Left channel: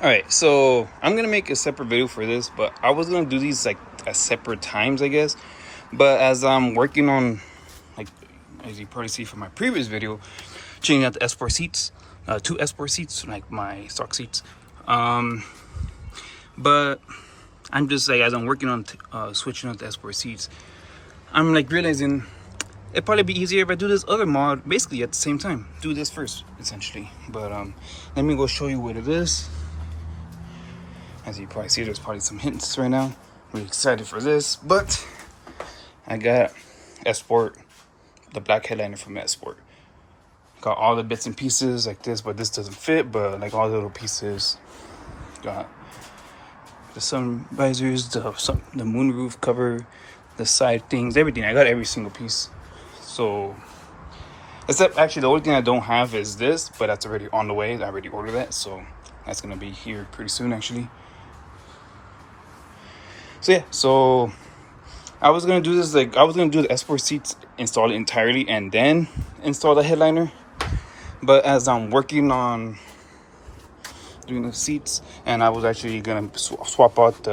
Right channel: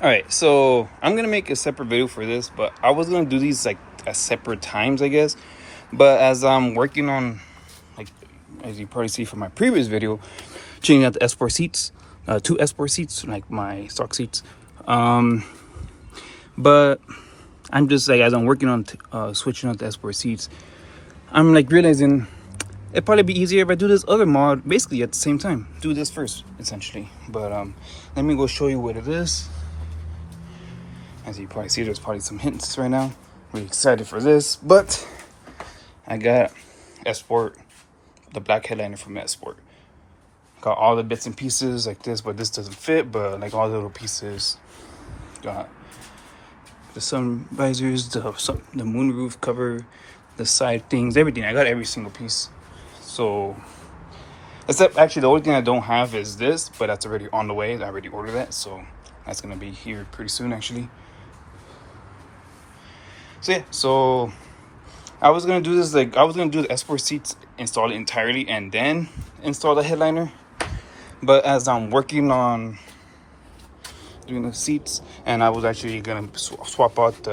All right, so I'm gonna make a separate video for this, but I was gonna do these like at separate times, I guess. But as I'm working on, like, as you probably see from my previous video, changing out the S4 seats, two S4 seats, like my stock seats. But I'm just like, as I'm working on switching out the S4 seats, I'm like realizing it'd probably be easier if I do this other mod basically at the same time. Do this first, essentially. But let me go show you what it is. As you probably see, there's probably some hints right now. Really excited for this, but I got Sport, the black headliner from Sport. Got all the bits and pieces like this, but this doesn't fit. But like all the little pieces, got the sun visors, the moonroof cover, the side things, everything. I got every single piece. So, except actually the only thing I don't have is this, but that's already on the way. I already ordered that, so that's gonna be here pretty soon, actually. So yeah, so I was gonna do this, like I was gonna do the S4 seats, install it entirely, and then install the headliner. But as I'm working on doing the seats, and I was actually gonna swap out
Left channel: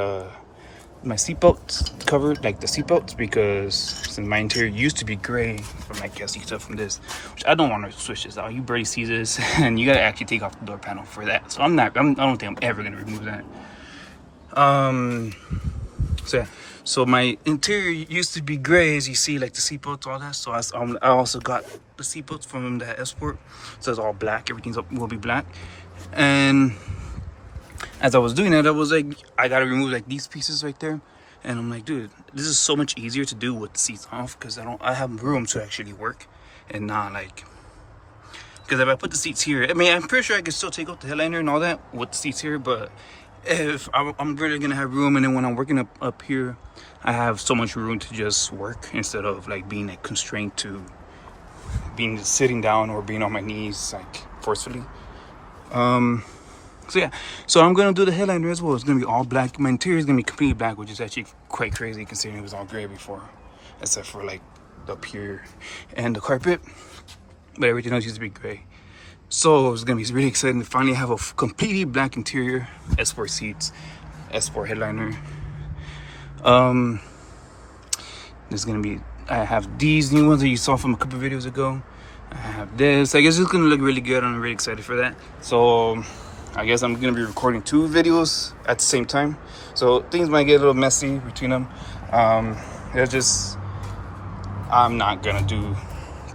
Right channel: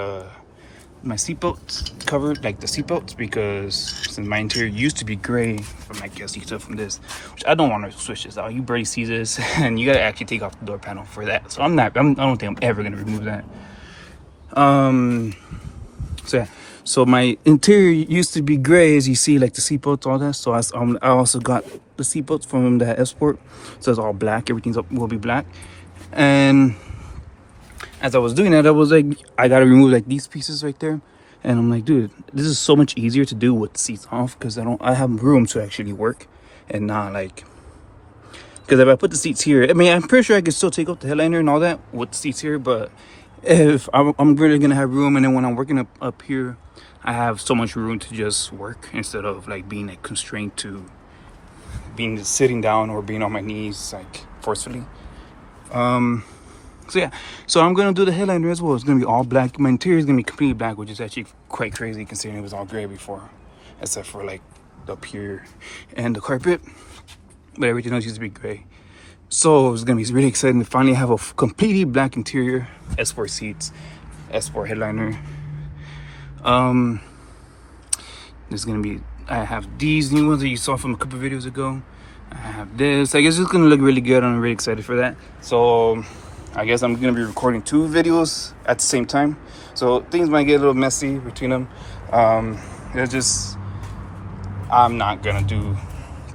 my seatbelts covered, like the seatbelts, because since my interior used to be gray from, I guess you can tell from this, which I don't want to switch this out. You barely see this, and you gotta actually take off the door panel for that. So I don't think I'm ever gonna remove that. So yeah, so my interior used to be gray, as you see, like the seatbelts, all that. So I also got the seatbelts from the Sport, so it's all black. Will be black. And as I was doing that, I was like, I gotta remove like these pieces right there. And I'm like, dude, this is so much easier to do with the seats off, because I have room to actually work, and not like, because if I put the seats here, I mean, I'm pretty sure I could still take out the headliner and all that with the seats here, but if I'm really gonna have room, and then when I'm working up here, I have so much room to just work instead of like being like constrained to being sitting down or being on my knees like forcefully. So yeah, so I'm gonna do the headliner as well. It's gonna be all black. My interior is gonna be completely black, which is actually quite crazy considering it was all gray before, except for like the up here and the carpet, but everything else used to be gray. So it's gonna be really exciting to finally have a completely black interior, S4 seats, S4 headliner. There's gonna be, I have these new ones that you saw from a couple of videos ago. I have this. I guess it's gonna look really good. I'm really excited for that. So I guess I'm gonna be recording 2 videos at the same time. So things might get a little messy between them. It's just, I'm not gonna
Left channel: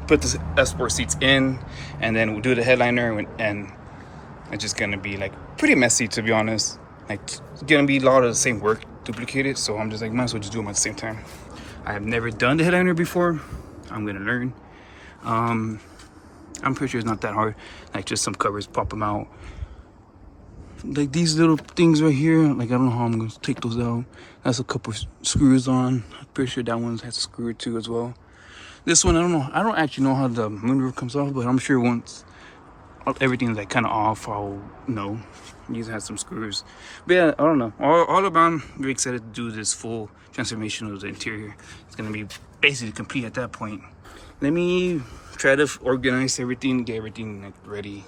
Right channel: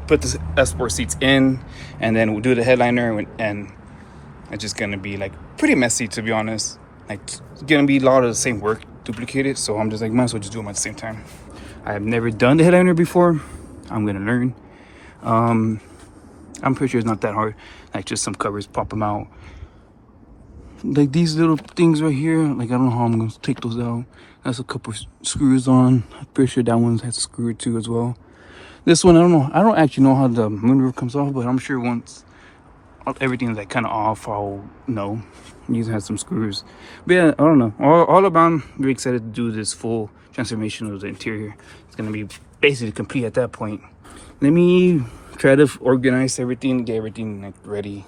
put the S4 seats in and then we'll do the headliner, and it's just gonna be like pretty messy, to be honest. Like, it's gonna be a lot of the same work duplicated, so I'm just like, might as well just do them at the same time. I have never done the headliner before. I'm gonna learn. I'm pretty sure it's not that hard. Like, just some covers, pop them out. Like these little things right here, like I don't know how I'm gonna take those out. That's a couple screws on. I'm pretty sure that one's has screwed too as well. This one, I don't know. I don't actually know how the moonroof comes off, but I'm sure once everything's like kind of off, I'll know. These has some screws. But yeah, I don't know. All around, very excited to do this full transformation of the interior. It's gonna be basically complete at that point. Let me try to organize everything, get everything like ready,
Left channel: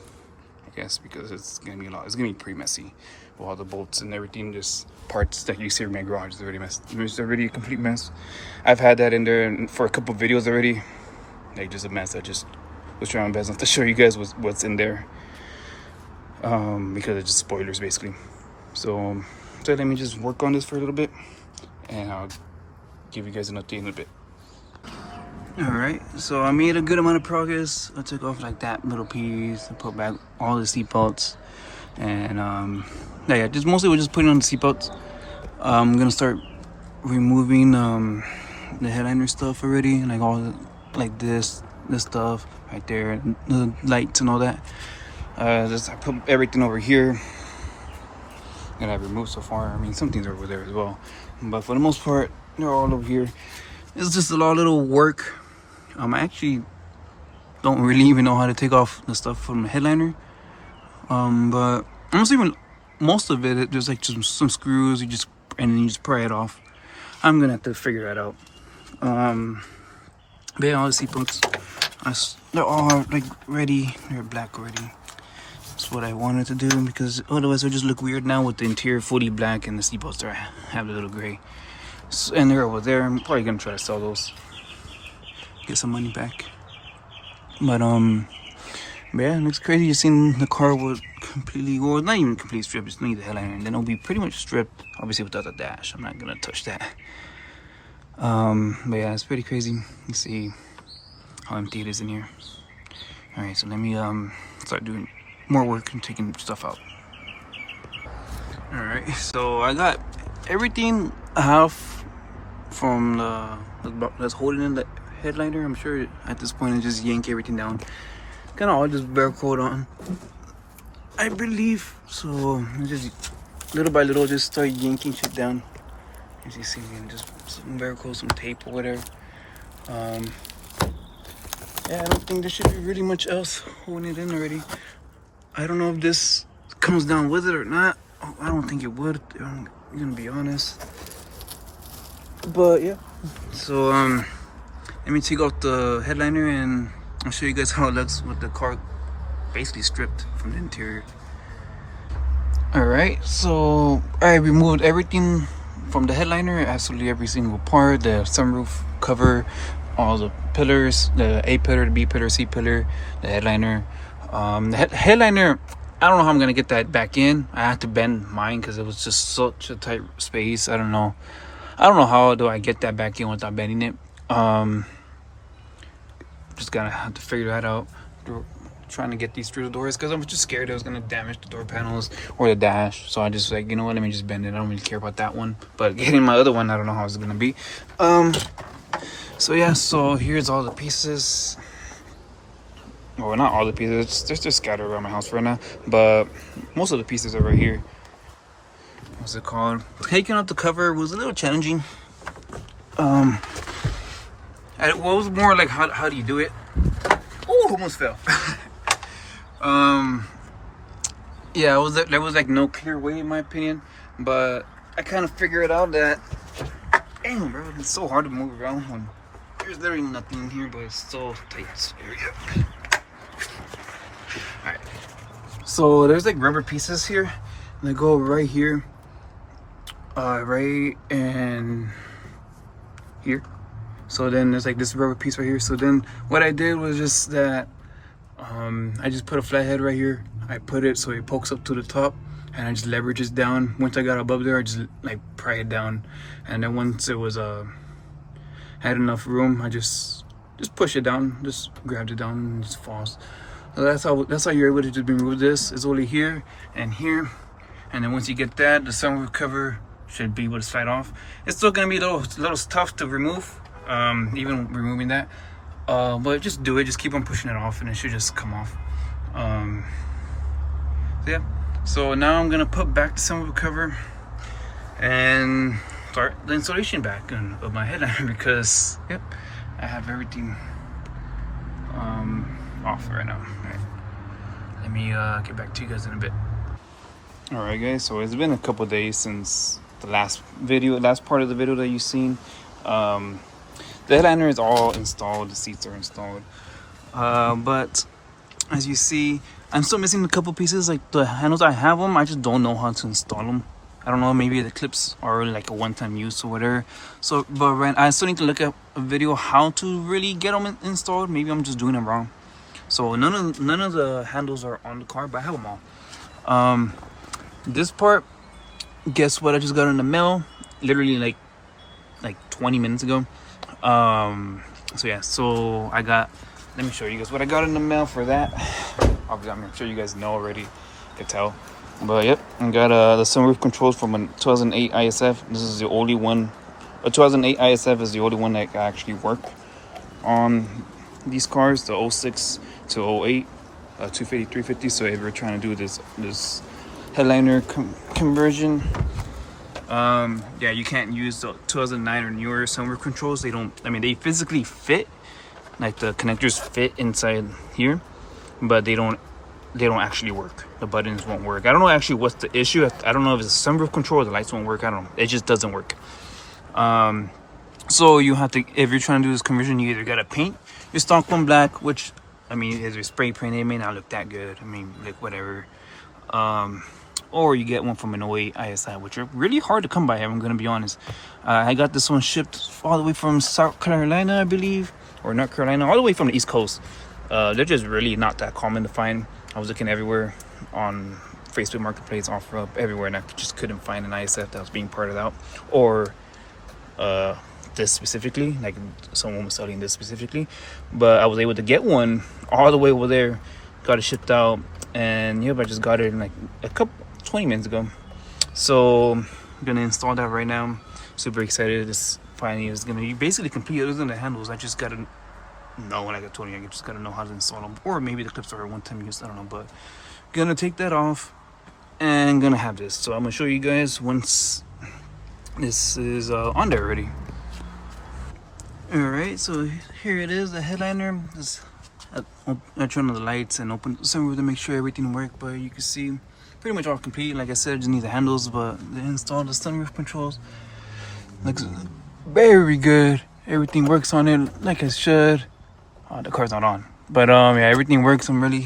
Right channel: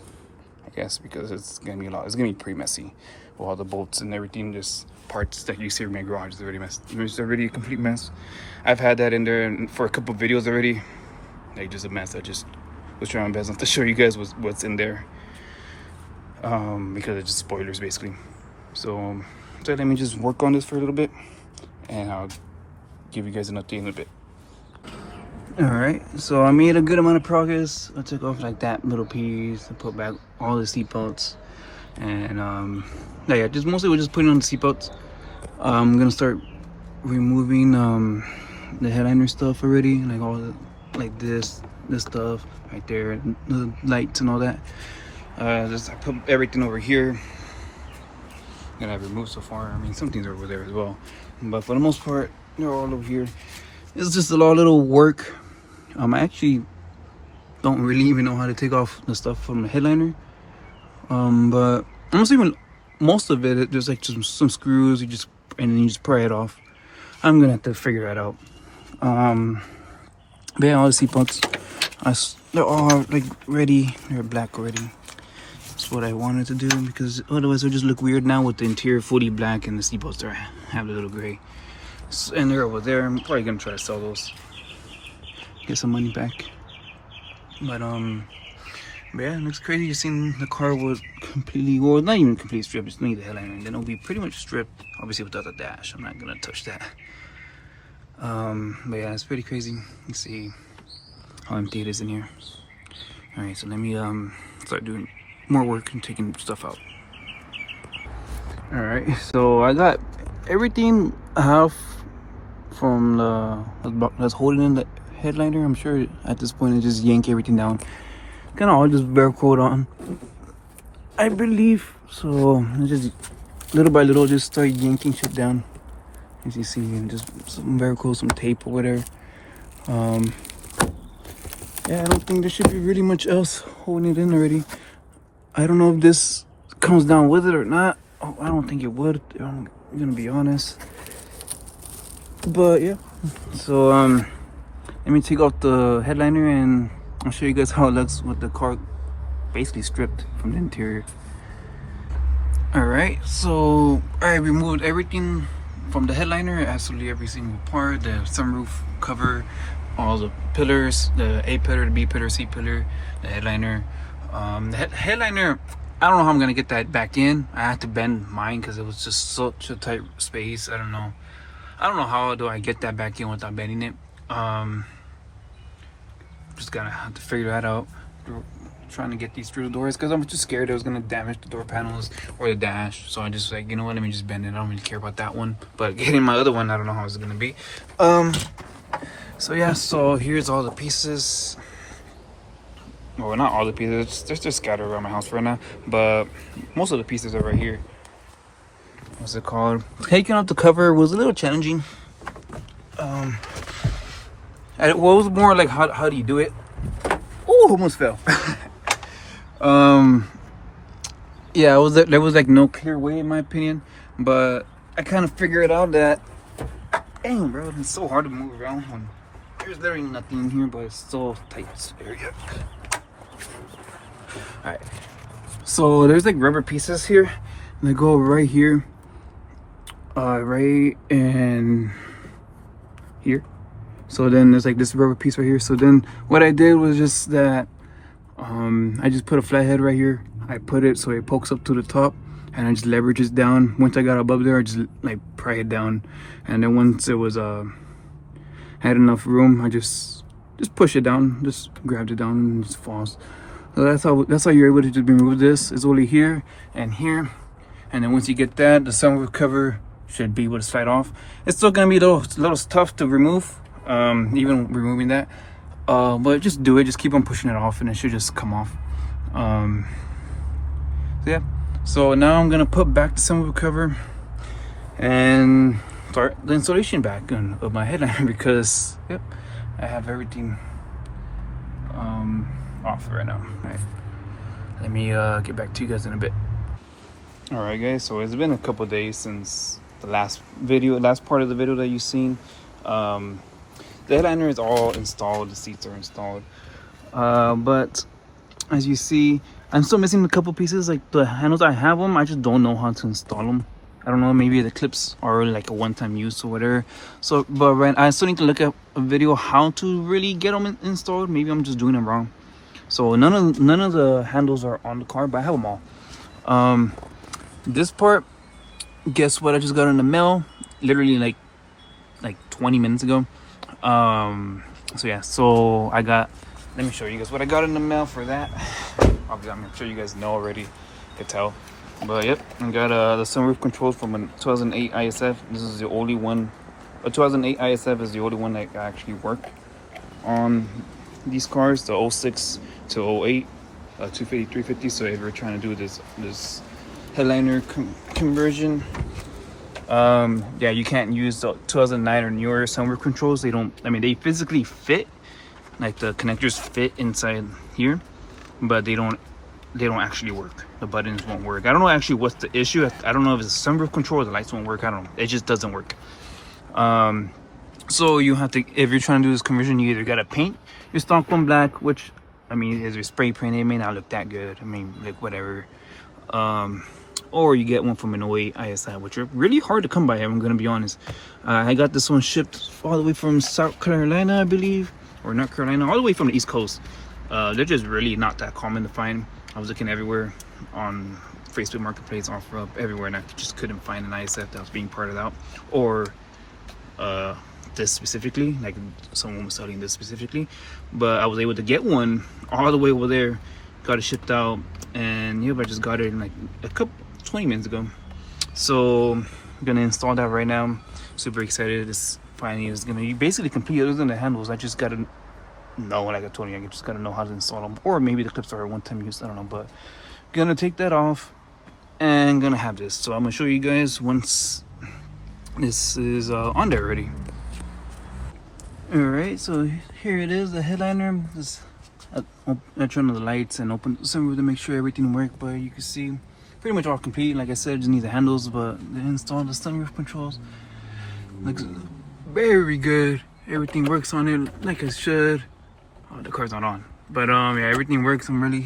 I guess, because it's gonna be a lot. It's gonna be pretty messy with all the bolts and everything, just parts that you see in my garage is already messed. It's already a complete mess. I've had that in there for a couple of videos already. Like, just a mess. I just was trying my best not to show you guys what's in there, because it's just spoilers basically. So let me just work on this for a little bit, and I'll give you guys an update in a bit. All right, so I made a good amount of progress. I took off like that little piece. I put back all the seat belts, and yeah, just mostly we're just putting on the seat belts. I'm gonna start removing the headliner stuff already, like all the, like this stuff right there, the lights and all that. I put everything over here that I've removed so far. I mean, some things are over there as well, but for the most part, they're all over here. It's just a lot of little work. I actually don't really even know how to take off the stuff from the headliner. But I'm assuming most of it, there's like just some screws, and then you just pry it off. I'm gonna have to figure that out. But yeah, all the seatbelts, they're all like ready. They're black already. That's what I wanted to do, because otherwise it'll just look weird now with the interior fully black and the seat bolts have a little gray. And they're over there. I'm probably gonna try to sell those, get some money back. But yeah, it looks crazy. Just seeing the car was completely, well, not even completely stripped. It's only the headliner, and then it'll be pretty much stripped, obviously without the dash. I'm not gonna touch that. But yeah, it's pretty crazy. Let's see how empty it is in here. All right, so let me start doing more work and taking stuff out. All right, so I got everything off from that's holding in the headliner. I'm sure at this point I just yank everything down. Kind of all just Velcroed on, I believe. So just little by little, just start yanking shit down. As you see, just some Velcro, some tape or whatever. Yeah, I don't think there should be really much else holding it in already. I don't know if this comes down with it or not. Oh, I don't think it would. I'm gonna be honest. But yeah. So let me take off the headliner and I'll show you guys how it looks with the car basically stripped from the interior. Alright, so I removed everything from the headliner, absolutely every single part, the sunroof cover, all the pillars, the A pillar, the B pillar, C pillar, the headliner. The headliner, I don't know how I'm gonna get that back in. I had to bend mine because it was just such a tight space. I don't know how do I get that back in without bending it. Just gonna have to figure that out. Trying to get these through the doors because I'm just scared it was gonna damage the door panels or the dash. So I just like, you know what, let me just bend it. I don't really care about that one, but getting my other one, I don't know how it's gonna be. So yeah, so here's all the pieces. Well, not all the pieces, they're just scattered around my house right now, but most of the pieces are right here. What's it called? Taking out the cover was a little challenging. It was more like how do you do it? Oh, almost fell. Yeah, there was like no clear way in my opinion, but I kind of figured out that, dang bro, it's so hard to move around. There's literally nothing in here, but it's so tight area. Alright, so there's like rubber pieces here, and they go right here, right in here. So then there's like this rubber piece right here. So then what I did was just that I just put a flathead right here. I put it so it pokes up to the top, and I just leverage it down. Once I got above there, I just like pry it down, and then once it was had enough room, I just push it down, just grabbed it down, and it just falls. So that's how you're able to just remove this. It's only here and here, and then once you get that, the sunroof cover should be able to slide off. It's still gonna be a little tough to remove, even removing that, but just do it. Just keep on pushing it off, and it should just come off. So yeah. So now I'm gonna put back the sunroof cover and start the installation back of my headliner because yep, I have everything off right now. All right, let me get back to you guys in a bit. All right guys, so it's been a couple days since the last part of the video that you've seen. The headliner is all installed, the seats are installed, but as you see, I'm still missing a couple pieces. Like the handles, I have them, I just don't know how to install them. I don't know, maybe the clips are like a one-time use or whatever. So but I still need to look at a video how to really get them installed. Maybe I'm just doing them wrong. So none of the handles are on the car, but I have them all. This part, guess what I just got in the mail literally like 20 minutes ago. So yeah, so I got, let me show you guys what I got in the mail for that. Obviously I'm sure you guys know already, you can tell, but yep, I got the sunroof controls from a 2008 ISF. This is the only one, a 2008 ISF is the only one that actually work on these cars, the 06 to 08 250 350. So if you're trying to do this headliner conversion, yeah, you can't use the 2009 or newer sunroof controls. They don't, I mean, they physically fit, like the connectors fit inside here, but they don't actually work. The buttons won't work. I don't know actually what's the issue. I don't know if it's a sunroof control or the lights won't work. I don't know, it just doesn't work. So you have to, if you're trying to do this conversion, you either gotta paint your stock one black, which I mean, as a spray paint, it may not look that good. I mean, like whatever. Or you get one from an 08 ISI, which are really hard to come by, I'm gonna be honest. I got this one shipped all the way from South Carolina, I believe, or North Carolina, all the way from the East Coast. They're just really not that common to find. I was looking everywhere on Facebook Marketplace, OfferUp, everywhere, and I just couldn't find an ISF that was being parted out, or this specifically, like someone was selling this specifically. But I was able to get one all the way over there, got it shipped out, and yep, I just got it in like a couple 20 minutes ago. So I'm gonna install that right now. Super excited. This finally is gonna be basically complete. Other than the handles, I just gotta know, like I told you, I just gotta know how to install them, or maybe the clips are a one-time use, I don't know. But gonna take that off and gonna have this. So I'm gonna show you guys once this is on there already. All right, so here it is, the headliner. I turn on the lights and open the sunroof to make sure everything works, but you can see pretty much all complete. Like I said, just need the handles, but they installed the sunroof controls. Looks very good. Everything works on it like it should. The car's not on, but yeah, everything works. It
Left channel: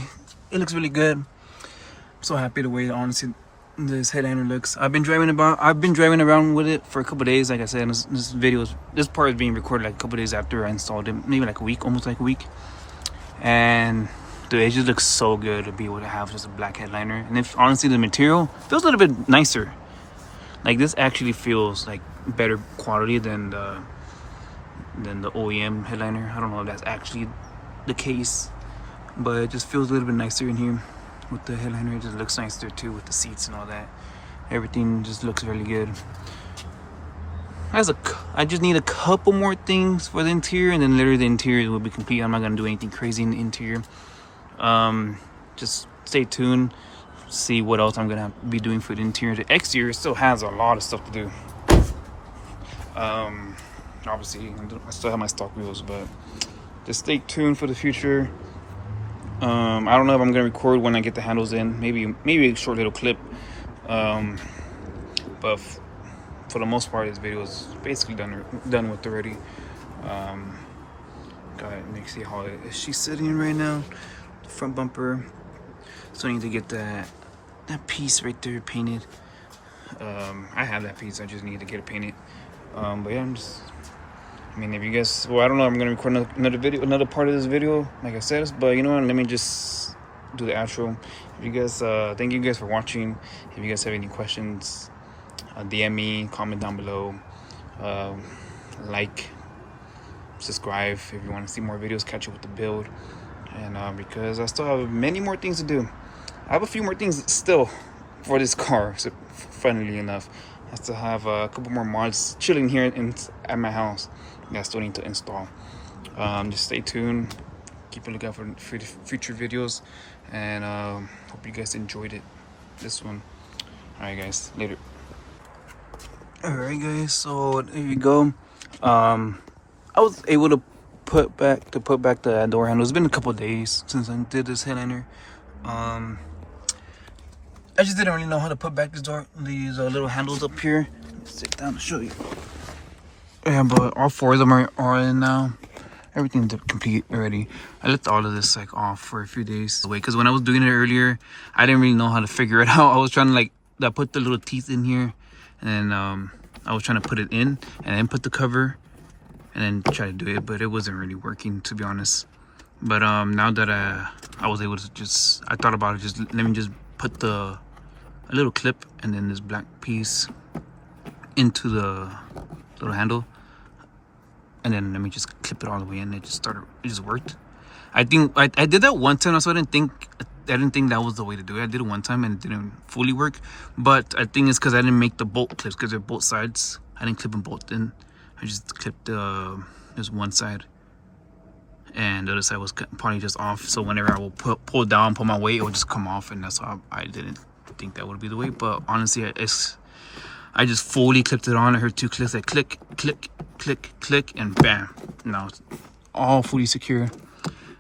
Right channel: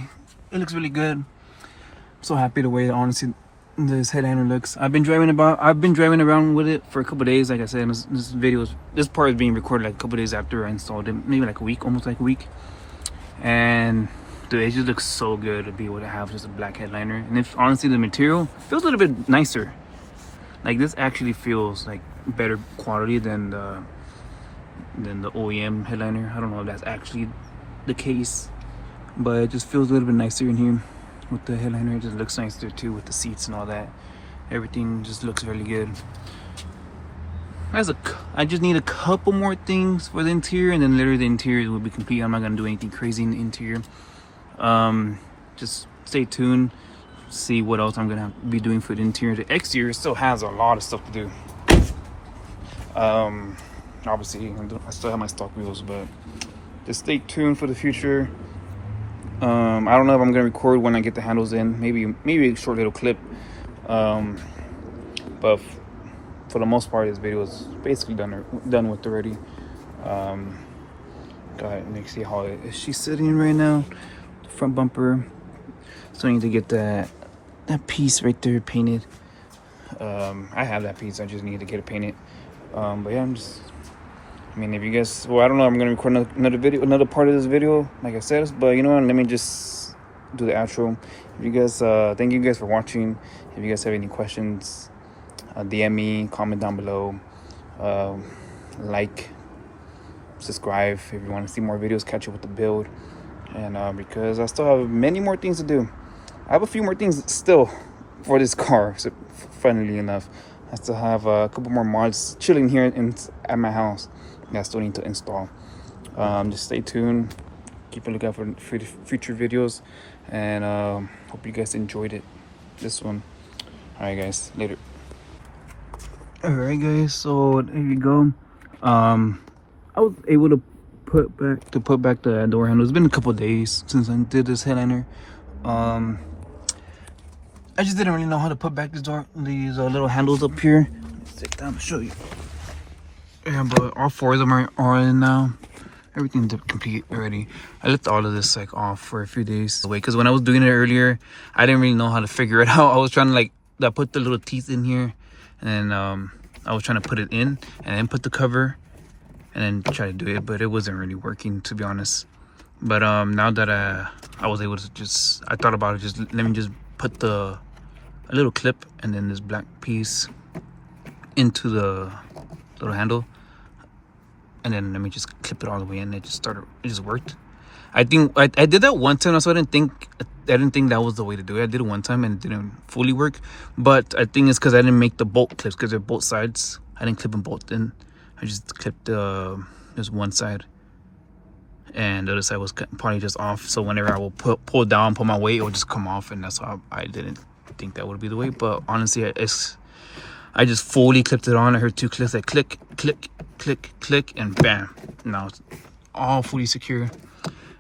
looks really good. I'm so happy the way, honestly, this headliner looks. I've been driving around with it for a couple days. Like I said, this part is being recorded like a couple days after I installed it, maybe like a week, almost like a week. And dude, it just looks so good to be able to have just a black headliner. And if honestly the material feels a little bit nicer, like this actually feels like better quality than the OEM headliner. I don't know if that's actually the case, but it just feels a little bit nicer in here with the headliner. It just looks nicer too with the seats and all that. Everything just looks really good. I just need a couple more things for the interior, and then literally the interior will be complete. I'm not gonna do anything crazy in the interior. Just stay tuned, see what else I'm gonna be doing for the interior. The exterior still has a lot of stuff to do. Obviously I still have my stock wheels, but just stay tuned for the future. I don't know if I'm gonna record when I get the handles in, maybe a short little clip, but for the most part, this video is basically done with already. Go ahead and see how she's sitting in right now. Front bumper. So I need to get that piece right there painted. I have that piece. I just need to get it painted. But yeah, I mean, if you guys, well, I don't know. I'm gonna record another part of this video, like I said. But you know what? Let me just do the outro. If you guys, thank you guys for watching. If you guys have any questions, DM me, comment down below, like, subscribe if you want to see more videos, catch up with the build. And because I still have many more things to do. I have a few more things still for this car, so funnily enough. I still have a couple more mods chilling here at my house that I still need to install. Just stay tuned, keep a lookout for future videos, and hope you guys enjoyed this one. Alright guys, later. Alright guys, so there you go. I was able to put back the door handle. It's been a couple days since I did this headliner. I just didn't really know how to put back these little handles up here. Let's sit down to show you. Yeah, but all four of them are in now. Everything's complete already. I left all of this like off for a few days away, because when I was doing it earlier, I didn't really know how to figure it out. I was trying to I put the little teeth in here, and then I was trying to put it in and then put the cover and then try to do it, but it wasn't really working, to be honest. But now that I was able to I thought about it, let me just put a little clip and then this black piece into the little handle, and then let me just clip it all the way in. It just worked. I think I did that one time, so I didn't think that was the way to do it. I did it one time and it didn't fully work, but I think it's because I didn't make the bolt clips, because they're both sides. I didn't clip them both in. I just clipped just one side, and the other side was probably just off. So whenever I will pull down, put my weight, it will just come off, and that's why I didn't think that would be the way. But honestly, I just fully clipped it on. I heard two clicks, like click, click, click, click, and bam. Now it's all fully secure.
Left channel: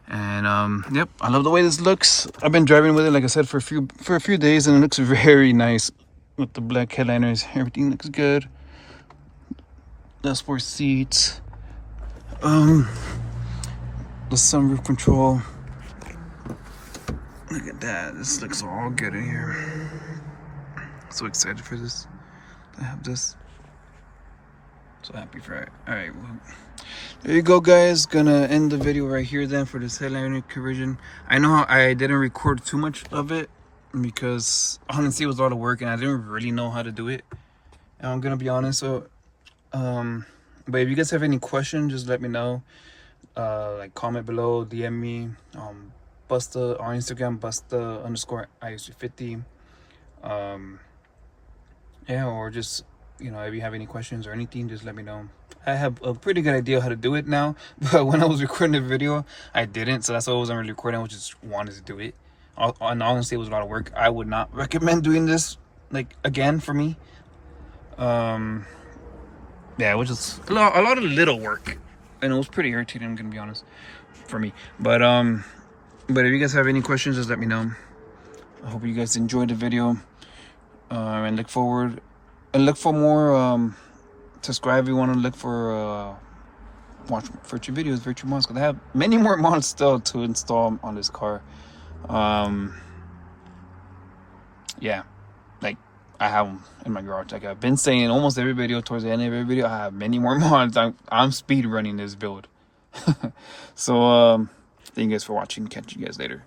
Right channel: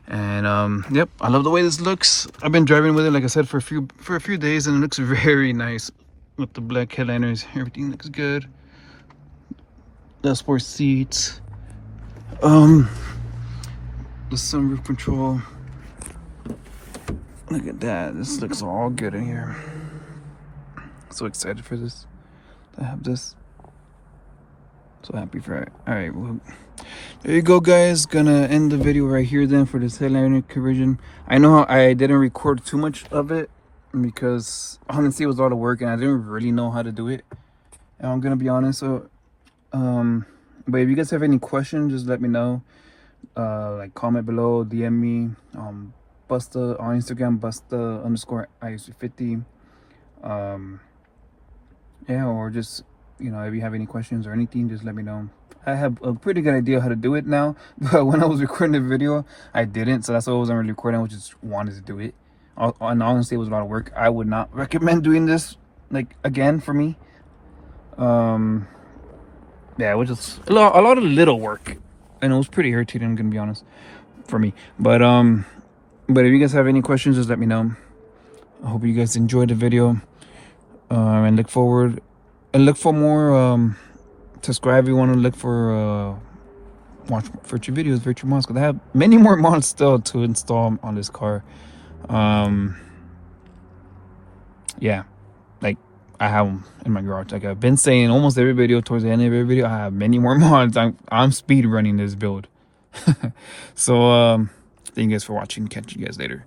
And yep, I love the way this looks. I've been driving with it, like I said, for a few days, and it looks very nice with the black headliners. Everything looks good. The sport seats, the sunroof control, Look at that. This looks all good in here. So excited for this. I have this. So happy for it. Alright, well, there you go, guys. Gonna end the video right here then for this headliner conversion. I know I didn't record too much of it because honestly it was a lot of work and I didn't really know how to do it. And I'm gonna be honest. So but if you guys have any questions, just let me know. Like comment below, DM me, Busta on Instagram, Busta_IS350. Yeah, or just, you know, if you have any questions or anything, just let me know. I have a pretty good idea how to do it now, but when I was recording the video, I didn't, so that's why I wasn't really recording. I just wanted to do it, and honestly, it was a lot of work. I would not recommend doing this, like, again, for me. Yeah, it was just a lot of little work, and it was pretty irritating, I'm gonna be honest, for me. But if you guys have any questions, just let me know. I hope you guys enjoyed the video, and look for more. Subscribe if you want to look for watch future videos, virtual mods, because I have many more mods still to install on this car. Yeah, like I have them in my garage. Like I've been saying almost every video, towards the end of every video, I have many more mods. I'm speed running this build. So thank you guys for watching. Catch you guys later.